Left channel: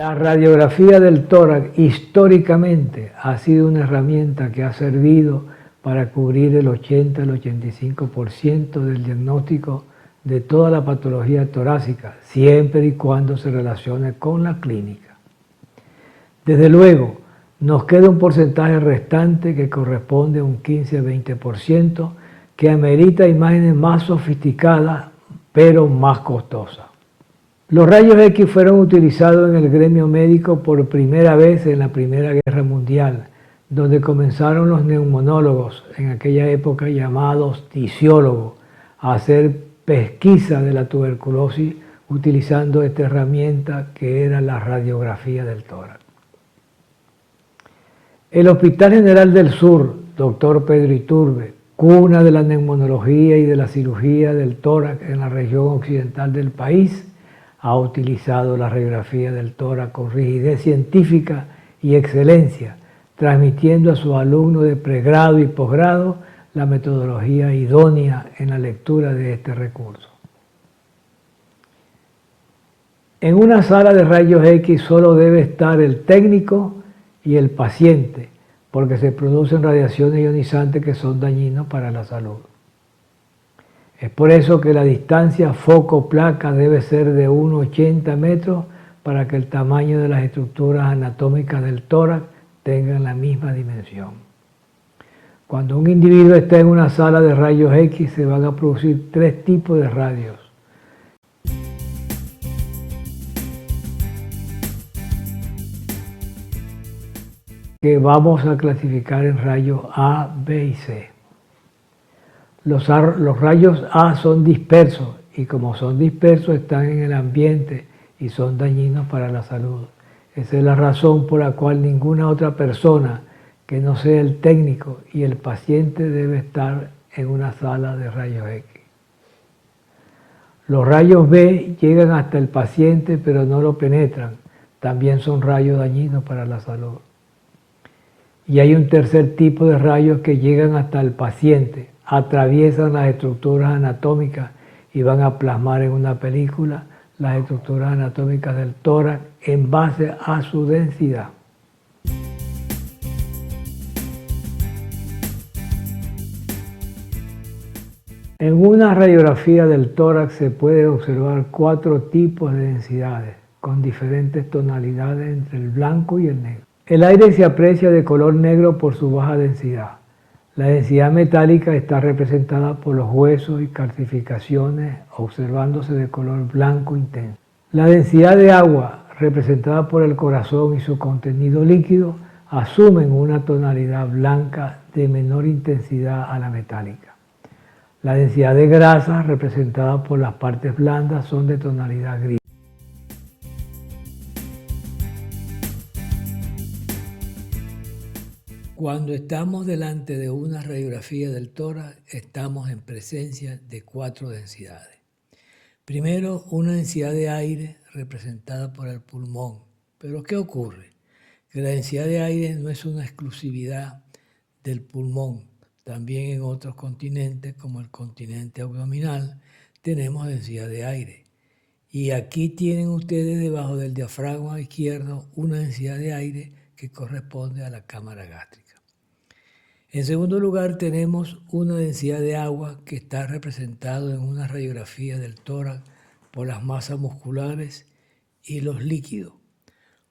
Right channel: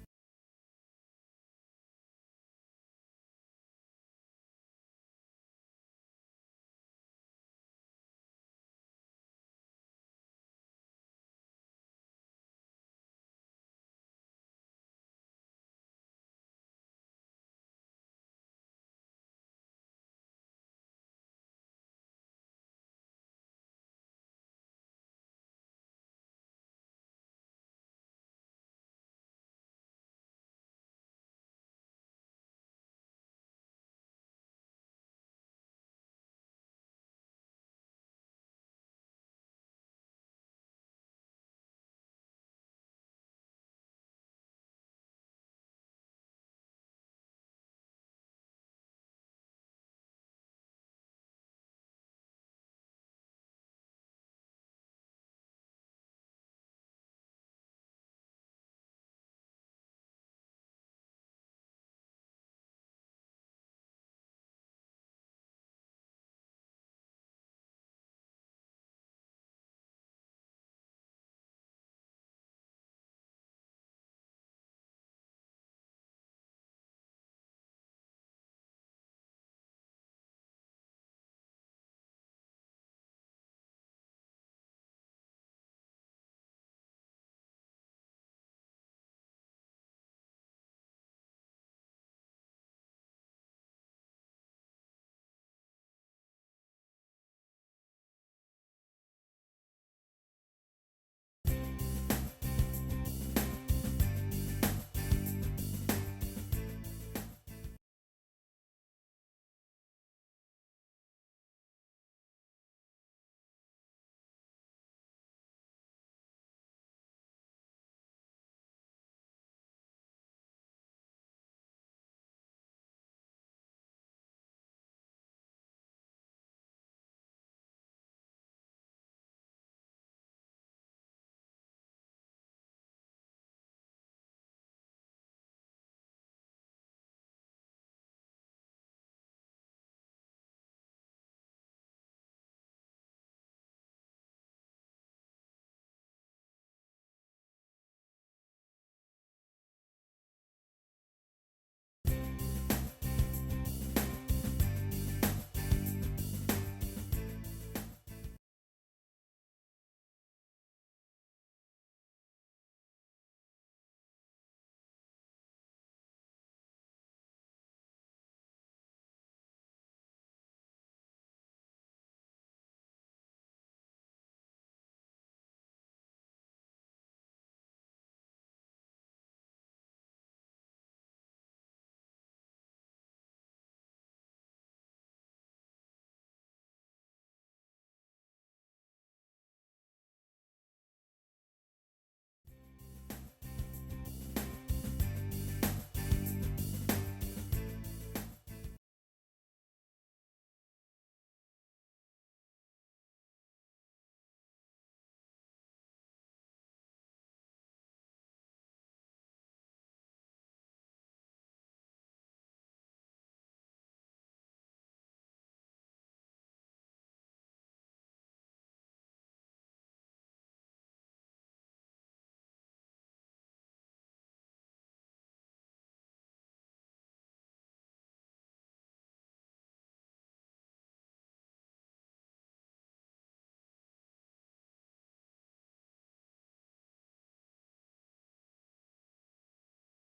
La radiografía del tórax históricamente ha sido una herramienta que ha servido para cubrir el 80 al 85% del diagnóstico de toda la patología torácica, siempre y cuando se relacione con la clínica. Desde luego, nos queda un porcentaje restante que corresponde a un 15 a 20% que amerita imágenes más sofisticadas, pero más costosas. Los rayos X fueron utilizados en el gremio médico por primera vez en la Primera Guerra Mundial, donde comenzaron los neumonólogos, en aquella época llamados tisiólogos, a hacer pesquisa de la tuberculosis utilizando esta herramienta que era la radiografía del tórax. El Hospital General del Sur, Dr. Pedro Iturbe, cuna de la neumonología y de la cirugía del tórax en la región occidental del país, ha utilizado la radiografía del tórax con rigidez científica y excelencia, transmitiendo a sus alumnos de pregrado y posgrado la metodología idónea en la lectura de este recurso. En una sala de rayos X solo debe estar el técnico y el paciente, porque se producen radiaciones ionizantes que son dañinos para la salud. Es por eso que la distancia foco-placa debe ser de 1,80 metros para que el tamaño de las estructuras anatómicas del tórax tengan la misma dimensión. Cuando un individuo está en una sala de rayos X se van a producir tres tipos de radios. Que vamos a clasificar en rayos A, B y C. Los rayos A son dispersos y como son dispersos están en el ambiente y son dañinos para la salud. Esa es la razón por la cual ninguna otra persona que no sea el técnico y el paciente debe estar en una sala de rayos X. Los rayos B llegan hasta el paciente pero no lo penetran. También son rayos dañinos para la salud. Y hay un tercer tipo de rayos que llegan hasta el paciente, atraviesan las estructuras anatómicas y van a plasmar en una película las estructuras anatómicas del tórax en base a su densidad. En una radiografía del tórax se puede observar 4 tipos de densidades con diferentes tonalidades entre el blanco y el negro. El aire se aprecia de color negro por su baja densidad. La densidad metálica está representada por los huesos y calcificaciones observándose de color blanco intenso. La densidad de agua, representada por el corazón y su contenido líquido, asumen una tonalidad blanca de menor intensidad a la metálica. La densidad de grasa, representada por las partes blandas, son de tonalidad gris. Cuando estamos delante de una radiografía del tórax, estamos en presencia de 4 densidades. Primero, una densidad de aire representada por el pulmón. Pero ¿qué ocurre? Que la densidad de aire no es una exclusividad del pulmón. También en otros continentes, como el continente abdominal, tenemos densidad de aire. Y aquí tienen ustedes debajo del diafragma izquierdo una densidad de aire que corresponde a la cámara gástrica. En segundo lugar, tenemos una densidad de agua que está representado en una radiografía del tórax por las masas musculares y los líquidos.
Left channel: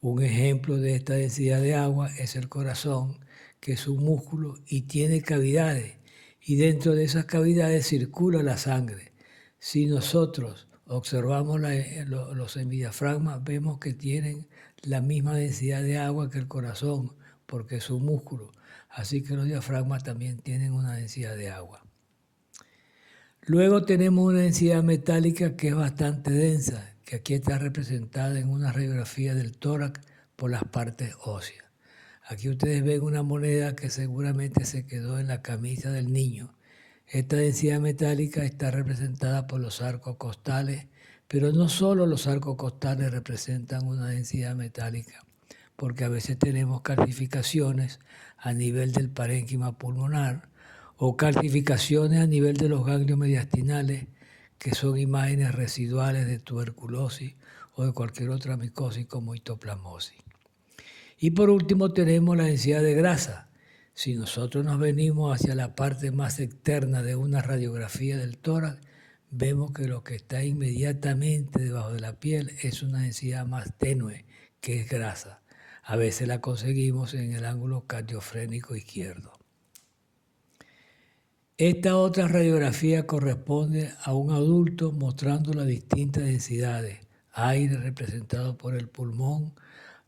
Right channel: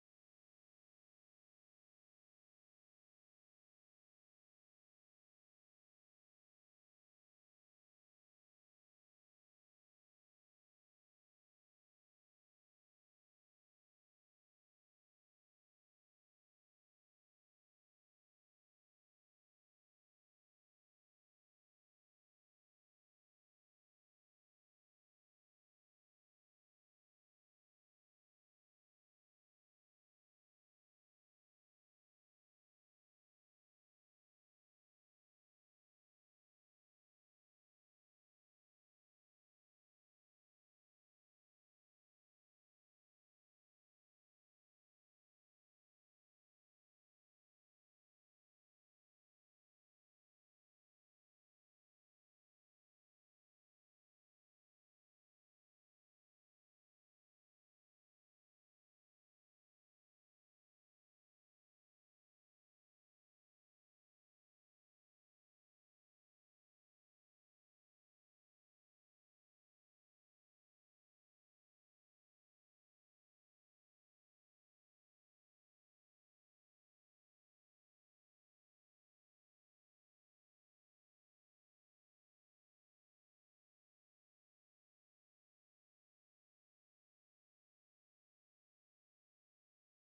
Un ejemplo de esta densidad de agua es el corazón, que es un músculo y tiene cavidades, y dentro de esas cavidades circula la sangre. Si nosotros observamos los semidiafragmas, vemos que tienen la misma densidad de agua que el corazón, porque es un músculo. Así que los diafragmas también tienen una densidad de agua. Luego tenemos una densidad metálica que es bastante densa, que aquí está representada en una radiografía del tórax por las partes óseas. Aquí ustedes ven una moneda que seguramente se quedó en la camisa del niño. Esta densidad metálica está representada por los arcos costales, pero no solo los arcos costales representan una densidad metálica, porque a veces tenemos calcificaciones a nivel del parénquima pulmonar o calcificaciones a nivel de los ganglios mediastinales, que son imágenes residuales de tuberculosis o de cualquier otra micosis como histoplasmosis. Y por último tenemos la densidad de grasa. Si nosotros nos venimos hacia la parte más externa de una radiografía del tórax, vemos que lo que está inmediatamente debajo de la piel es una densidad más tenue, que es grasa. A veces la conseguimos en el ángulo cardiofrénico izquierdo. Esta otra radiografía corresponde a un adulto mostrando las distintas densidades. Aire representado por el pulmón,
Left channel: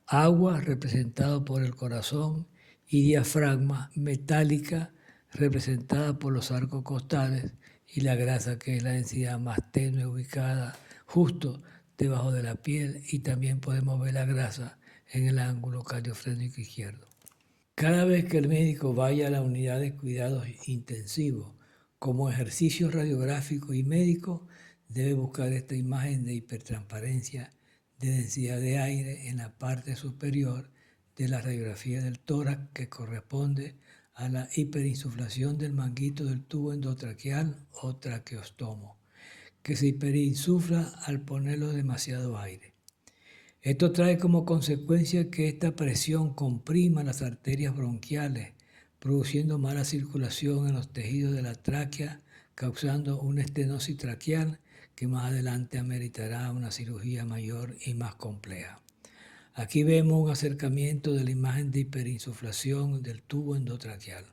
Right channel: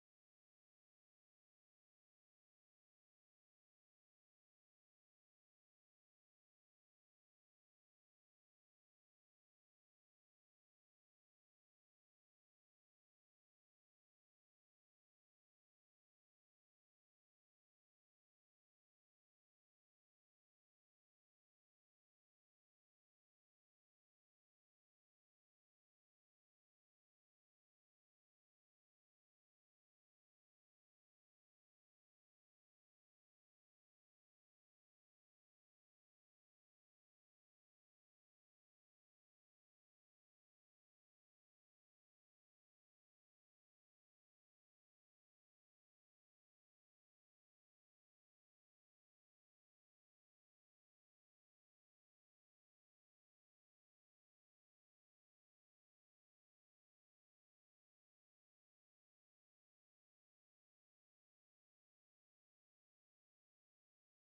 agua representado por el corazón y diafragma metálica representada por los arcos costales y la grasa, que es la densidad más tenue ubicada justo debajo de la piel, y también podemos ver la grasa en el ángulo cardiofrénico izquierdo. Cada vez que el médico vaya a la unidad de cuidados intensivos como ejercicio radiográfico y médico, debe buscar esta imagen de hipertransparencia de densidad de aire en la parte superior de la radiografía del tórax, que corresponde a la hiperinsuflación del manguito del tubo endotraqueal o traqueostomo, que se hiperinsufla al ponerlo demasiado aire. Esto trae como consecuencia que esta presión comprima las arterias bronquiales, produciendo mala circulación en los tejidos de la tráquea, causando una estenosis traqueal que más adelante ameritará una cirugía mayor y más compleja. Aquí vemos un acercamiento de la imagen de hiperinsuflación del tubo endotraqueal.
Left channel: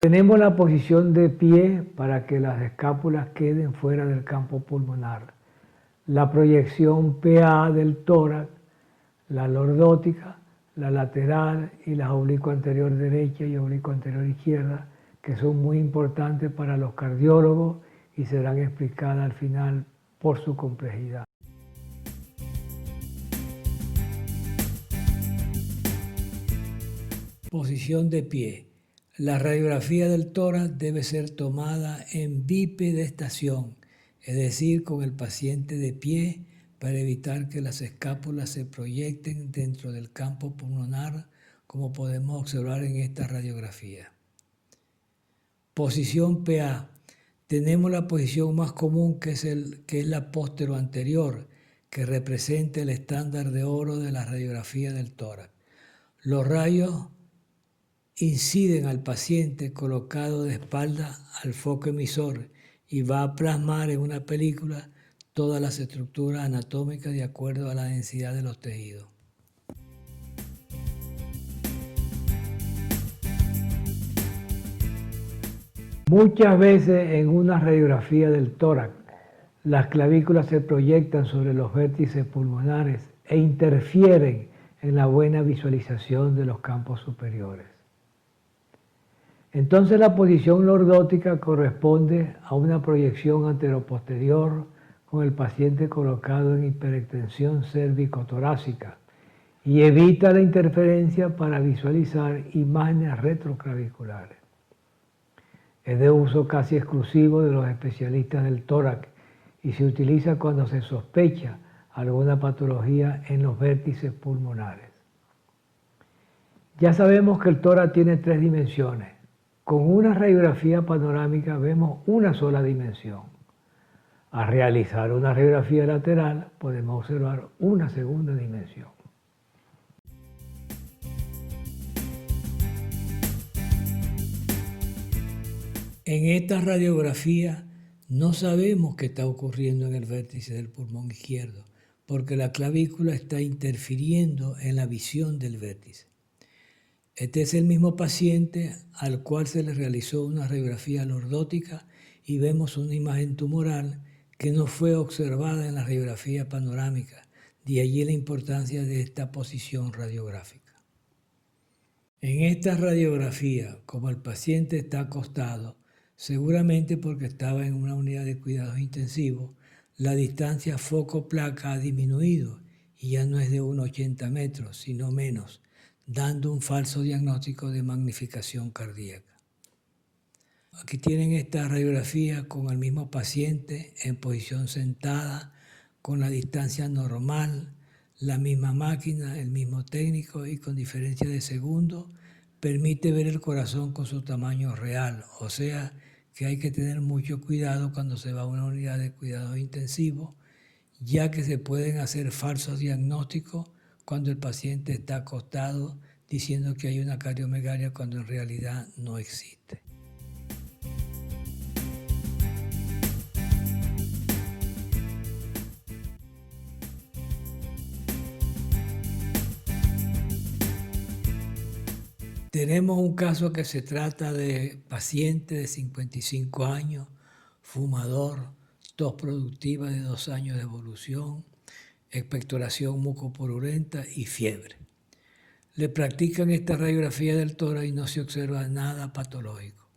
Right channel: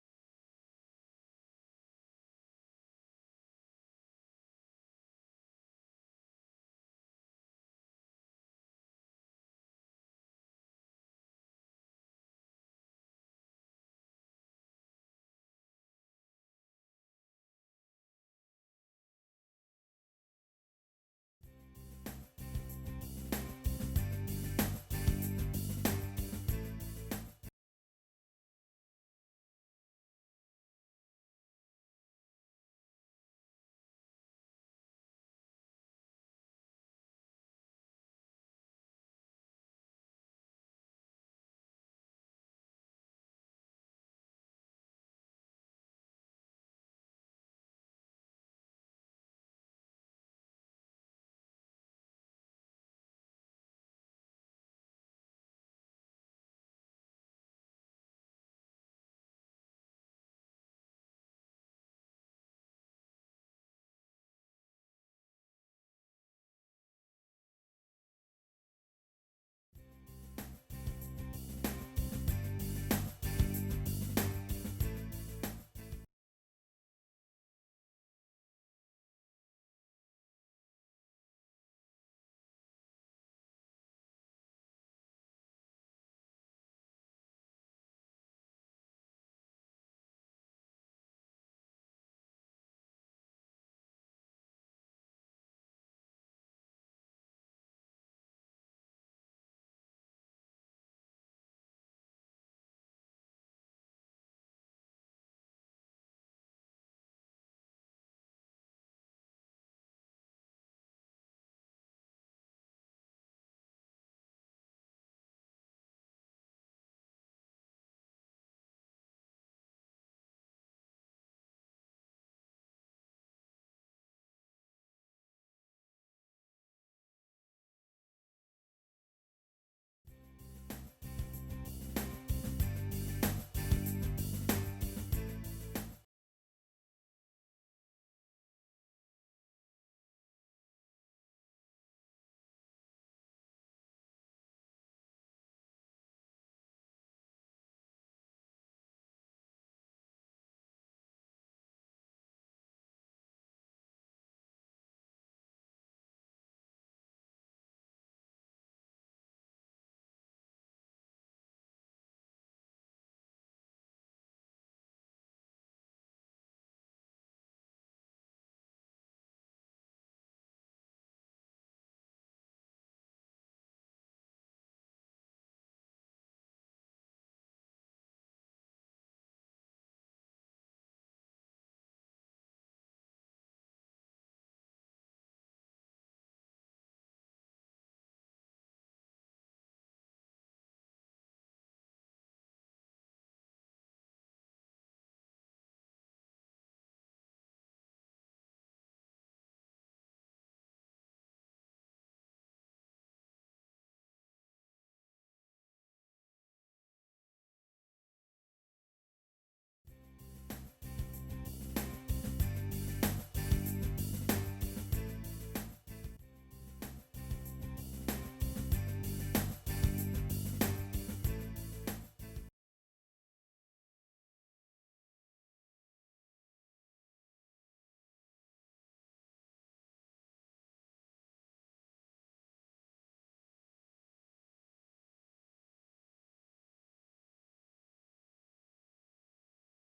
Tenemos la posición de pie para que las escápulas queden fuera del campo pulmonar. La proyección PA del tórax, la lordótica, la lateral y la oblicuo anterior derecha y oblicuo anterior izquierda, que son muy importantes para los cardiólogos y serán explicadas al final por su complejidad. Posición de pie. La radiografía del tórax debe ser tomada en bipedestación, es decir, con el paciente de pie, para evitar que las escápulas se proyecten dentro del campo pulmonar, como podemos observar en esta radiografía. Posición PA. Tenemos la posición más común, que es la póstero anterior, que representa el estándar de oro de la radiografía del tórax. Los rayos inciden al paciente colocado de espalda al foco emisor y va a plasmar en una película todas las estructuras anatómicas de acuerdo a la densidad de los tejidos. Muchas veces en una radiografía del tórax, las clavículas se proyectan sobre los vértices pulmonares e interfieren en la buena visualización de los campos superiores. Entonces la posición lordótica corresponde a una proyección anteroposterior con el paciente colocado en hiperextensión cérvico-torácica y evita la interferencia para visualizar imágenes retroclaviculares. Es de uso casi exclusivo de los especialistas del tórax y se utiliza cuando se sospecha alguna patología en los vértices pulmonares. Ya sabemos que el tórax tiene 3 dimensiones. Con una radiografía panorámica vemos una sola dimensión. Al realizar una radiografía lateral podemos observar una segunda dimensión. En esta radiografía no sabemos qué está ocurriendo en el vértice del pulmón izquierdo, porque la clavícula está interfiriendo en la visión del vértice. Este es el mismo paciente al cual se le realizó una radiografía lordótica y vemos una imagen tumoral que no fue observada en la radiografía panorámica, de allí la importancia de esta posición radiográfica. En esta radiografía, como el paciente está acostado, seguramente porque estaba en una unidad de cuidados intensivos, la distancia foco-placa ha disminuido y ya no es de 1,80 metros, sino menos, dando un falso diagnóstico de magnificación cardíaca. Aquí tienen esta radiografía con el mismo paciente en posición sentada, con la distancia normal, la misma máquina, el mismo técnico y con diferencia de segundos, permite ver el corazón con su tamaño real, o sea que hay que tener mucho cuidado cuando se va a una unidad de cuidados intensivos, ya que se pueden hacer falsos diagnósticos cuando el paciente está acostado diciendo que hay una cardiomegalia cuando en realidad no existe. Tenemos un caso que se trata de paciente de 55 años, fumador, tos productiva de 2 años de evolución, expectoración mucopurulenta y fiebre. Le practican esta radiografía del tórax y no se observa nada patológico.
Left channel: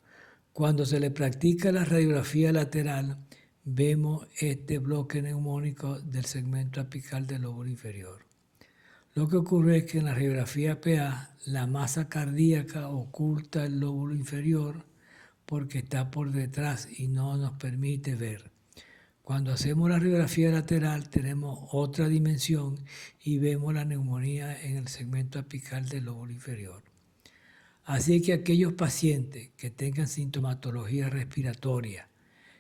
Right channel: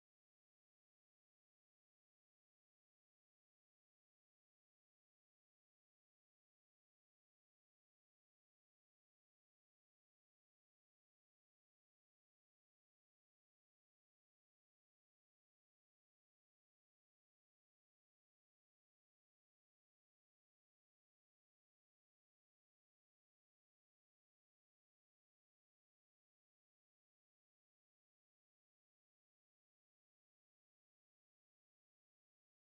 Cuando se le practica la radiografía lateral, vemos este bloque neumónico del segmento apical del lóbulo inferior. Lo que ocurre es que en la radiografía PA la masa cardíaca oculta el lóbulo inferior porque está por detrás y no nos permite ver. Cuando hacemos la radiografía lateral tenemos otra dimensión y vemos la neumonía en el segmento apical del lóbulo inferior. Así que aquellos pacientes que tengan sintomatología respiratoria,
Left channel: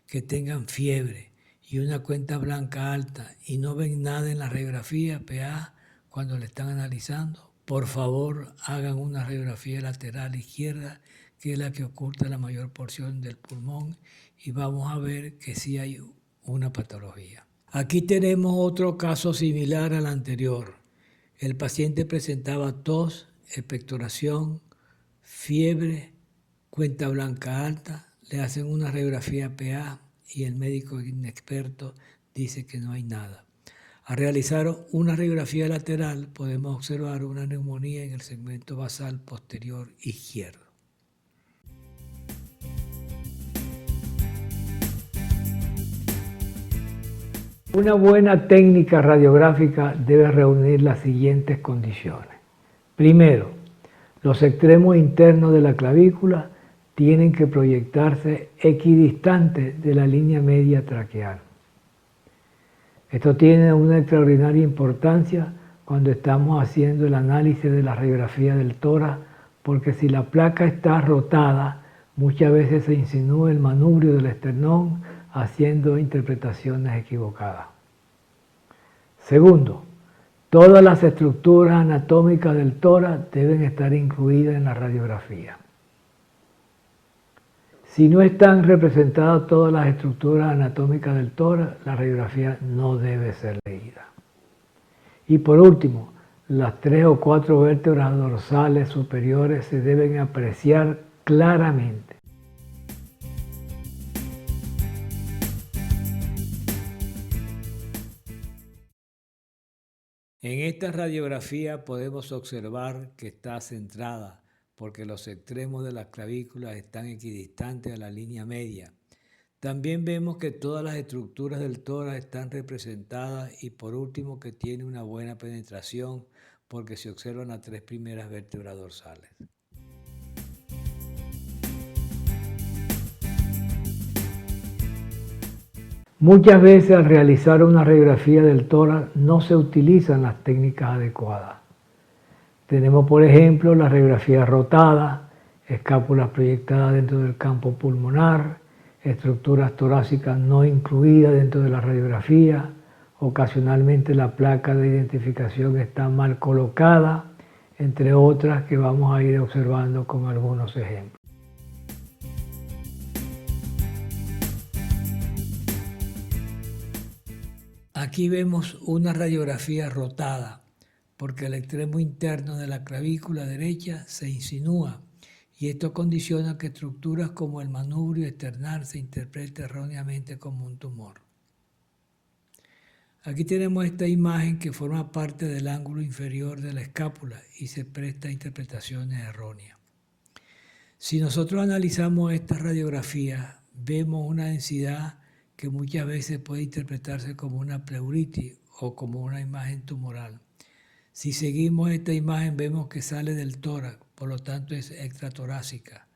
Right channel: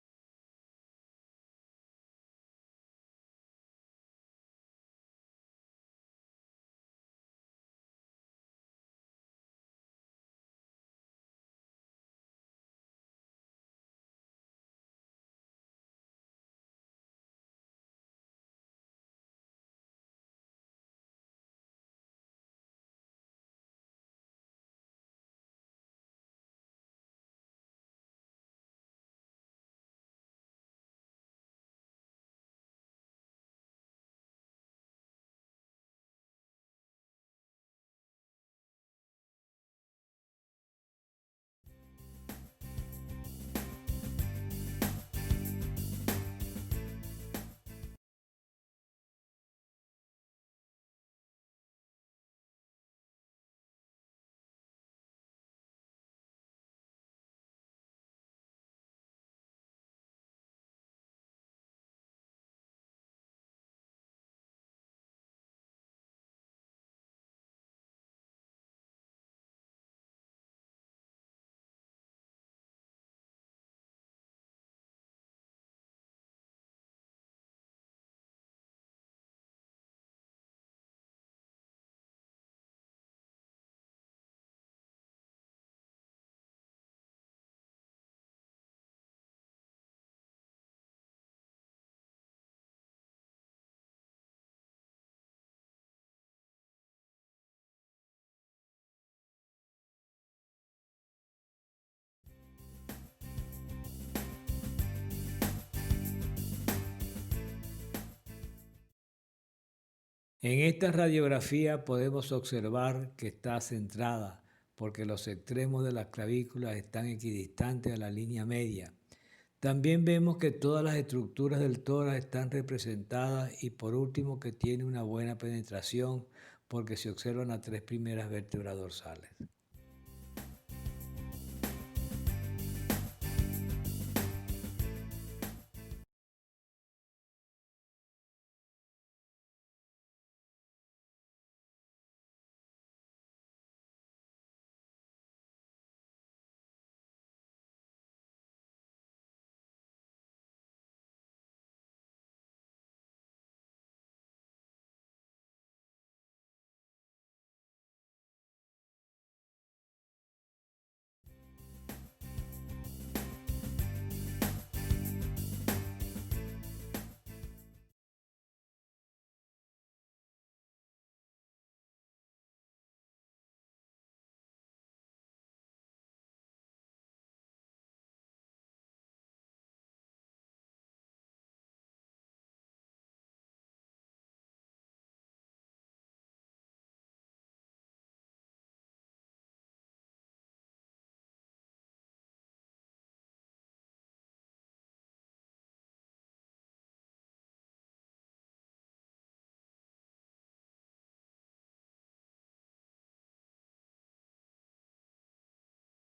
que tengan fiebre y una cuenta blanca alta y no ven nada en la radiografía PA cuando le están analizando, por favor hagan una radiografía lateral izquierda, que es la que oculta la mayor porción del pulmón, y vamos a ver que sí hay una patología. Aquí tenemos otro caso similar al anterior. El paciente presentaba tos, expectoración, fiebre, cuenta blanca alta, le hacen una radiografía PA y el médico inexperto dice que no hay nada. Al realizar una radiografía lateral podemos observar una neumonía en el segmento basal posterior izquierdo. Una buena técnica radiográfica debe reunir las siguientes condiciones. Primero, los extremos internos de la clavícula tienen que proyectarse equidistantes de la línea media traqueal. Esto tiene una extraordinaria importancia cuando estamos haciendo el análisis de la radiografía del tórax, porque si la placa está rotada, muchas veces se insinúa el manubrio del esternón haciendo interpretaciones equivocadas. Segundo, todas las estructuras anatómicas del tórax deben estar incluidas en la radiografía. Si no están representadas todas las estructuras anatómicas del tórax, la radiografía no debe ser leída. Y por último, las 3 o 4 vértebras dorsales superiores se deben apreciar claramente. En esta radiografía podemos observar que está centrada porque los extremos de las clavículas están equidistantes a la línea media. También vemos que todas las estructuras del tórax están representadas y por último que tiene una buena penetración porque se observan las 3 primeras vértebras dorsales. Muchas veces al realizar una radiografía del tórax no se utilizan las técnicas adecuadas. Tenemos por ejemplo la radiografía rotada, escápulas proyectadas dentro del campo pulmonar, estructuras torácicas no incluidas dentro de la radiografía, ocasionalmente la placa de identificación está mal colocada, entre otras que vamos a ir observando con algunos ejemplos. Aquí vemos una radiografía rotada, porque el extremo interno de la clavícula derecha se insinúa y esto condiciona que estructuras como el manubrio esternal se interprete erróneamente como un tumor. Aquí tenemos esta imagen que forma parte del ángulo inferior de la escápula y se presta a interpretaciones erróneas. Si nosotros analizamos esta radiografía, vemos una densidad que muchas veces puede interpretarse como una pleuritis o como una imagen tumoral. Si seguimos esta imagen vemos que sale del tórax, por lo tanto es extratorácica.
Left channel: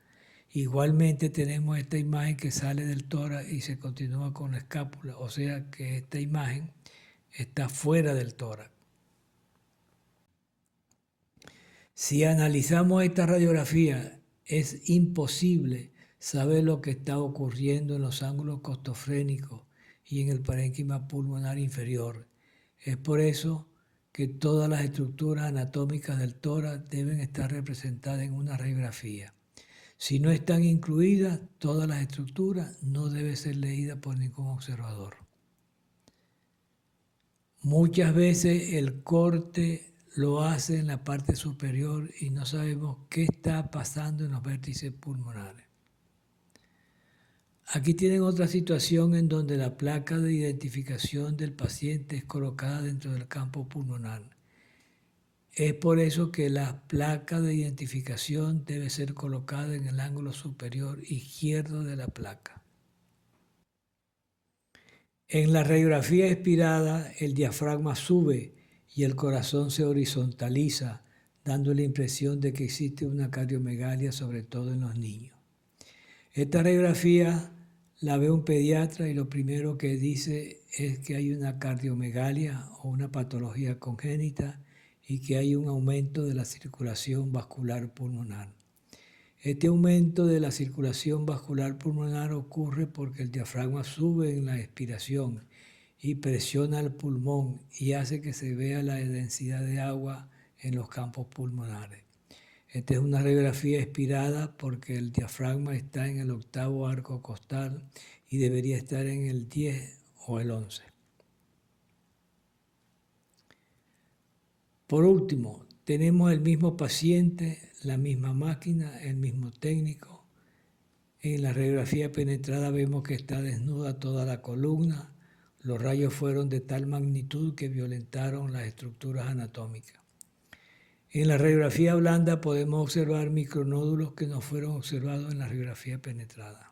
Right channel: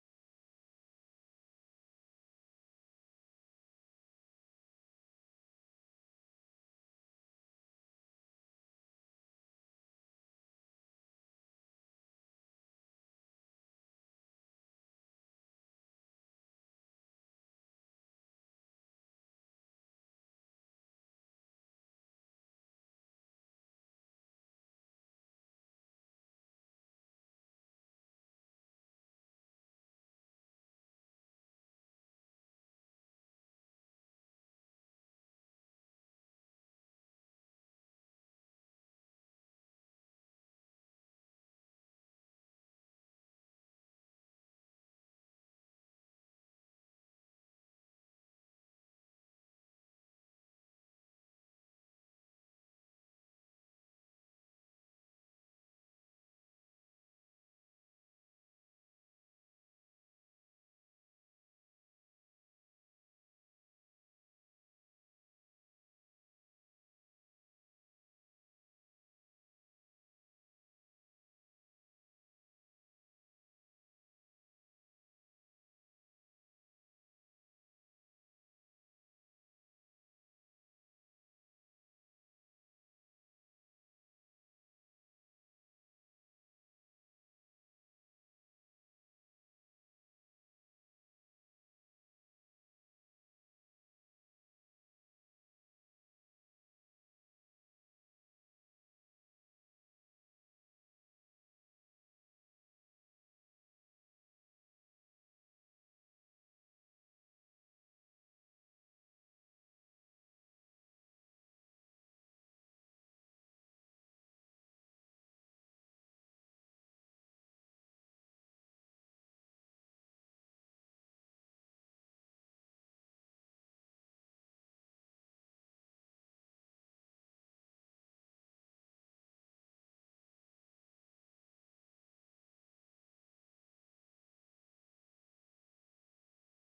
Igualmente tenemos esta imagen que sale del tórax y se continúa con la escápula, o sea que esta imagen está fuera del tórax. Si analizamos esta radiografía, es imposible saber lo que está ocurriendo en los ángulos costofrénicos y en el parénquima pulmonar inferior. Es por eso que todas las estructuras anatómicas del tórax deben estar representadas en una radiografía. Si no están incluidas todas las estructuras, no debe ser leída por ningún observador. Muchas veces el corte lo hace en la parte superior y no sabemos qué está pasando en los vértices pulmonares. Aquí tienen otra situación en donde la placa de identificación del paciente es colocada dentro del campo pulmonar. Es por eso que la placa de identificación debe ser colocada en el ángulo superior izquierdo de la placa. En la radiografía expirada, el diafragma sube y el corazón se horizontaliza, dando la impresión de que existe una cardiomegalia, sobre todo en los niños. Esta radiografía la ve un pediatra y lo primero que dice es que hay una cardiomegalia o una patología congénita y que hay un aumento de la circulación vascular pulmonar. Este aumento de la circulación vascular pulmonar ocurre porque el diafragma sube en la expiración y presiona el pulmón y hace que se vea la densidad de agua en los campos pulmonares. Esta es una radiografía expirada porque el diafragma está en el 8º arco costal y debería estar en el 10 o el 11. Por último, tenemos el mismo paciente, la misma máquina, el mismo técnico. En la radiografía penetrada vemos que está desnuda toda la columna. Los rayos fueron de tal magnitud que violentaron las estructuras anatómicas. En la radiografía blanda podemos observar micronódulos que no fueron observados en la radiografía penetrada.